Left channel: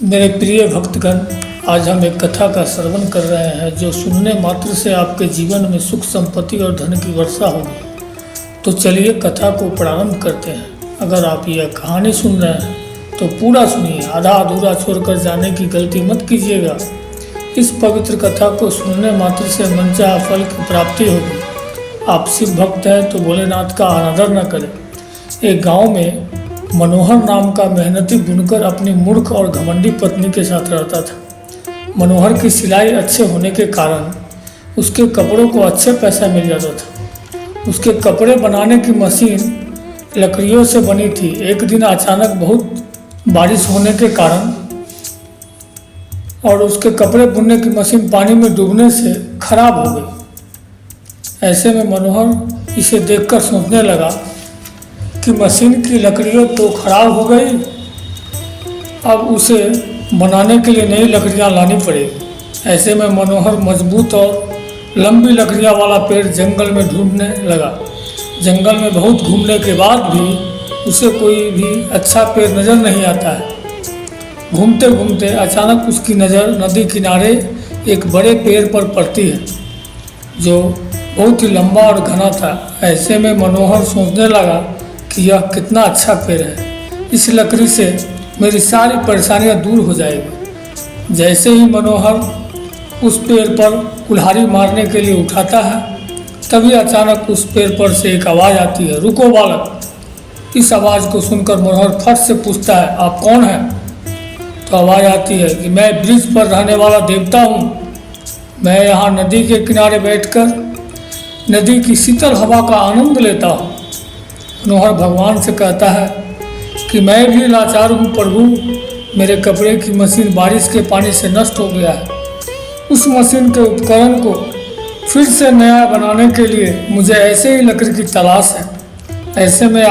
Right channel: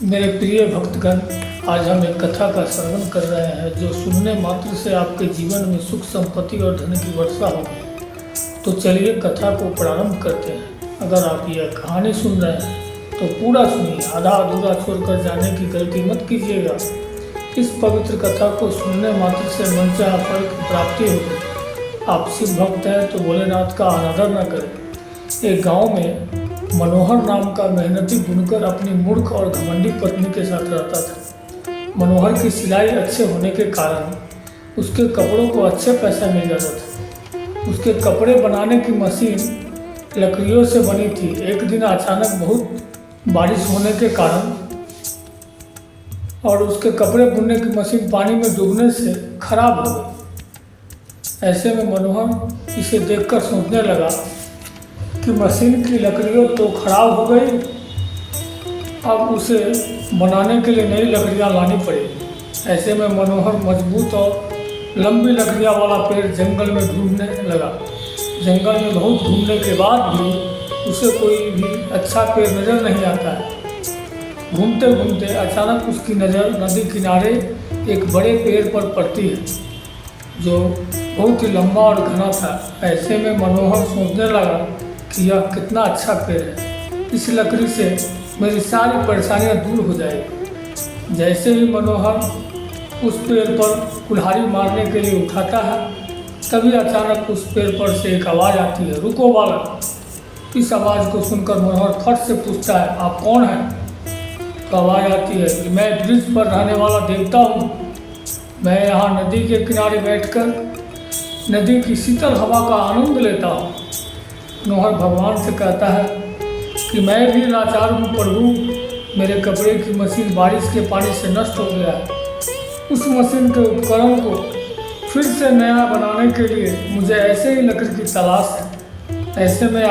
मेरे प्रिय भक्तगण, आज हम एक कथा का श्रवण कर रहे हैं जो सुनने मात्र से आपके जीवन में सुख संपत्ति और धन की वर्षा होगी। तो चलिए कथा को प्रारंभ करते हैं। अगर आप यह कहानी सुन रहे हैं तो पूरा सुनिए, आधा अधूरा छोड़कर जाने की गलती मत कीजिएगा। इस पवित्र कथा को सुनने मात्र से मनचाहा फल की प्राप्ति होगी। आप शिव भक्त हैं तो भोलेनाथ का अनादर न करें। एक गाँव में मनोहर नाम का मेहनती बुनकर अपनी मूर्ख और घमंडी पत्नी के साथ रहता था। मनोहर की सिलाई अच्छे होने के कारण उसके कपड़ों को अच्छे पैसा मिल जाता था। उसके कपड़े बनाने की मशीन लकड़ियों से बनी थी। एक दिन अचानक बहुत बारिश होने के कारण और उसके कपड़े बुनने की मशीन पानी में डूबने से खराब हो गई। ऐसे में मनोहर इसे देखकर सोचने लगा कि मशीन की लकड़ियाँ तो खराब हो गई, अब उसे बनाने के लिए नई लकड़ियाँ लानी पड़ेगी। ऐसे में मनोहर मजबूत और लंबी लकड़ियाँ वाला पेड़ जंगल में ढूंढने लगा। जंगल में बहुत घूमने के बाद भी उसे कोई भी अच्छा पेड़ नज़र नहीं आता है। घूमते घूमते अचानक उसकी नज़र नदी किनारे एक बड़े पेड़ पर पड़ती है जो बहुत ही लंबा और घना था। ऐसे में मनोहर सोचने लगा कि यह कितना अच्छा पेड़ है, इस लकड़ी से मेरी सारी परेशानियां दूर हो जाएगी। जैसे ही मनोहर उस पेड़ पर कुल्हाड़ी मारने के लिए उठाता है, तभी अचानक उस पेड़ पर से एक आवाज़ आती है, रुको बालक। इस आवाज़ को सुनकर मनोहर फट से पूछता है, आप कौन हैं? तो आवाज़ आती है कि मैं ब्रिज पर रहने वाला देवता हूँ। मैं यहाँ नदी के किनारे बैठकर नदी की शीतल हवा का आनंद लेता हूँ। मनोहर भगवान से कहता है कि मैं भी लाचार हूँ प्रभु, मेरे कपड़े की मशीन बारिश के पानी से नष्ट हो गया है। उस मशीन के उपकरण को फिर से नया बनाने के लिए मुझे ऐसे ही लकड़ी की तलाश है। ऐसे में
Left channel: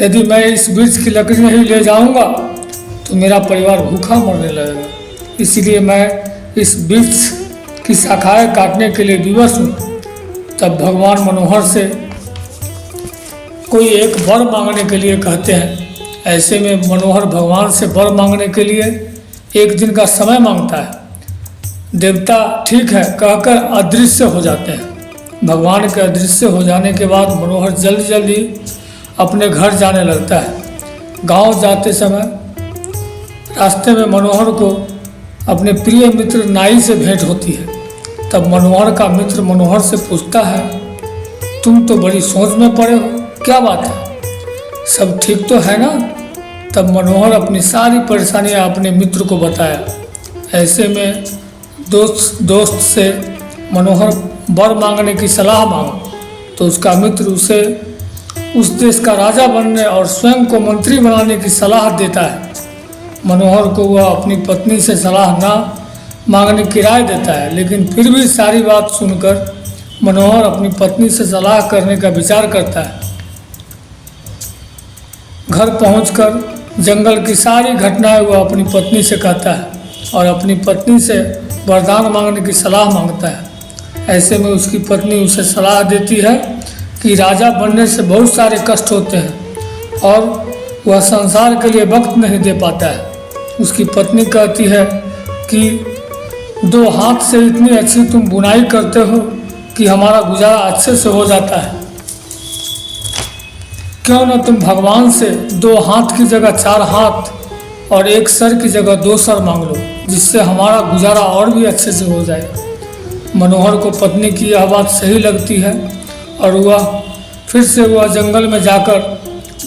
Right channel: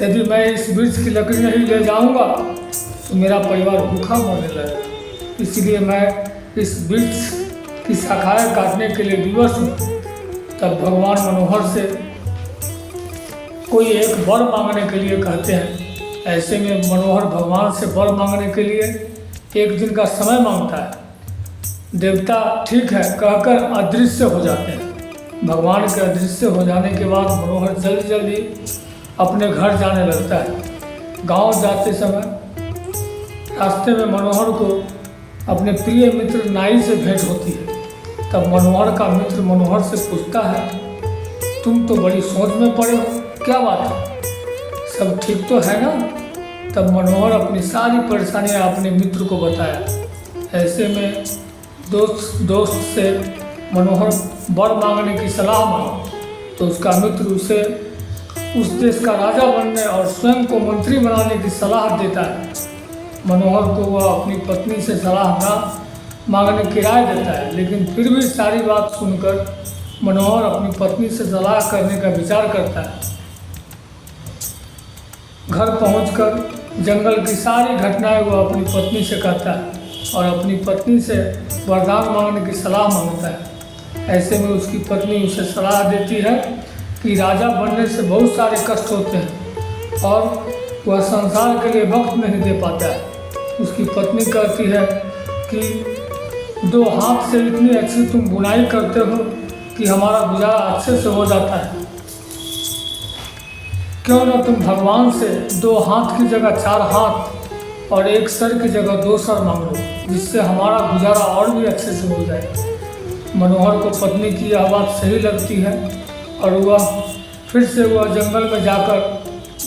यदि मैं इस वृक्ष की लकड़ी नहीं ले जाऊँगा तो मेरा परिवार भूखा मरने लगेगा। इसलिए मैं इस वृक्ष की शाखाएँ काटने के लिए विवश हूँ। तब भगवान मनोहर से कोई एक वर मांगने के लिए कहते हैं। ऐसे में मनोहर भगवान से वर मांगने के लिए एक दिन का समय मांगता है। देवता ठीक है कहकर अदृश्य हो जाते हैं। भगवान के अदृश्य हो जाने के बाद मनोहर जल्दी जल्दी अपने घर जाने लगता है। गांव जाते समय रास्ते में मनोहर को अपने प्रिय मित्र नाई से भेंट होती है। तब मनोहर का मित्र मनोहर से पूछता है, तुम तो बड़ी सोच में पड़े हो, क्या बात है, सब ठीक तो है ना? तब मनोहर अपनी सारी परेशानियां अपने मित्र को बताया। ऐसे में दोस्त से मनोहर वर मांगने की सलाह मांगा तो उसका मित्र उसे उस देश का राजा बनने और स्वयं को मंत्री बनाने की सलाह देता है। मनोहर को वह अपनी पत्नी से सलाह ना मांगने की राय देता है, लेकिन फिर भी सारी बात सुनकर मनोहर अपनी पत्नी से सलाह करने का विचार करता है। घर पहुंचकर जंगल की सारी घटनाएं वह अपनी पत्नी से कहता है और अपनी पत्नी से वरदान मांगने की सलाह मांगता है। ऐसे में उसकी पत्नी उसे सलाह देती है कि राजा बनने से बहुत सारे कष्ट होते हैं और वह संसार के लिए वक्त नहीं दे पाता है। उसकी पत्नी कहती है कि 2 हाथ से इतनी अच्छी तुम बुनाई करते हो कि हमारा गुजारा अच्छे से हो जाता है। क्यों न तुम भगवान से 2 हाथ की जगह 4 हाथ और 1 सर की जगह 2 सर मांग लो, जिससे हमारा गुजारा और भी अच्छे से हो जाए। मनोहर को पत्नी की यह बात सही लगती है और फिर से वह जंगल में जाकर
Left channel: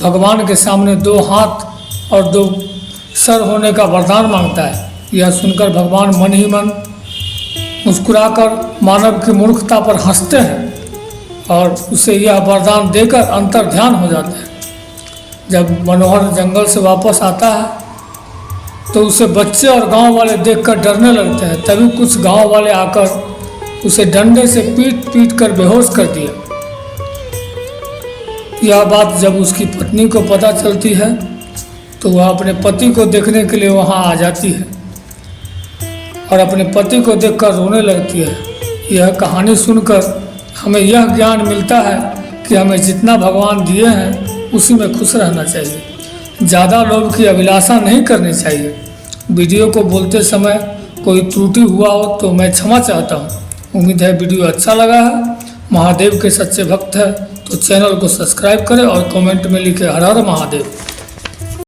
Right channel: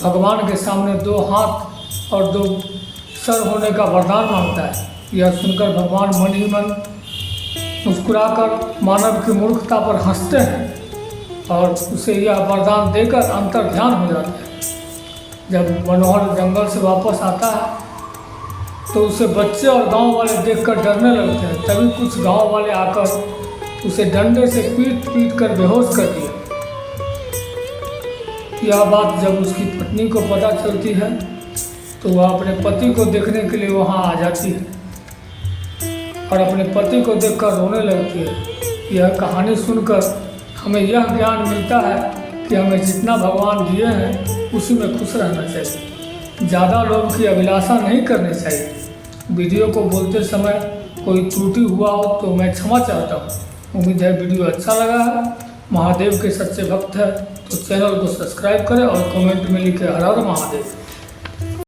भगवान के सामने 2 हाथ और 2 सर होने का वरदान मांगता है। यह सुनकर भगवान मन ही मन मुस्कुराकर मानव की मूर्खता पर हंसते हैं और उसे यह वरदान देकर अंतर ध्यान हो जाता है। जब मनोहर जंगल से वापस आता है तो उसे बच्चे और गांव वाले देखकर डरने लगते हैं। तभी कुछ गांव वाले आकर उसे डंडे से पीट पीट कर बेहोश कर दिया। यह बात जब उसकी पत्नी को पता चलती है तो वह अपने पति को देखने के लिए वहां आ जाती है और अपने पति को देखकर रोने लगती है। यह कहानी सुनकर हमें यह ज्ञान मिलता है कि हमें जितना भगवान दिए हैं उसी में खुश रहना चाहिए। ज़्यादा लोभ की अभिलाषा नहीं करनी चाहिए वीडियो को बोलते समय कोई त्रुटि हुआ हो तो मैं क्षमा चाहता हूँ। उम्मीद है वीडियो अच्छा लगा है। महादेव के सच्चे भक्त हैं तो चैनल को सब्सक्राइब करें और कमेंट में लिखे हर हर महादेव।